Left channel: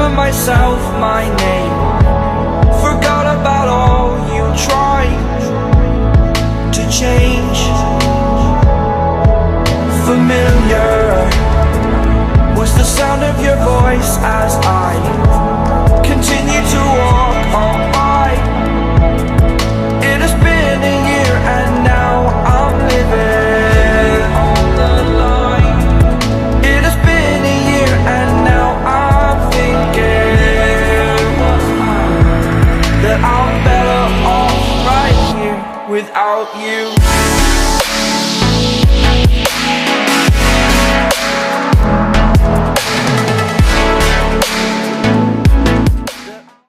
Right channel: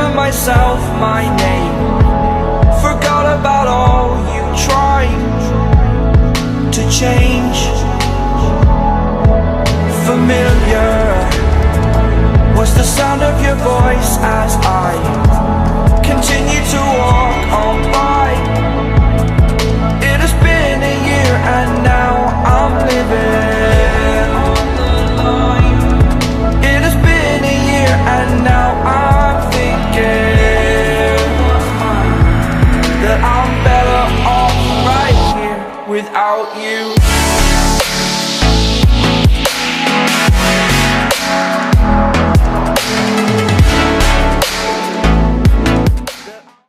given myself my name. Forgot about all you tried to change. Familiar was the sound of your voice as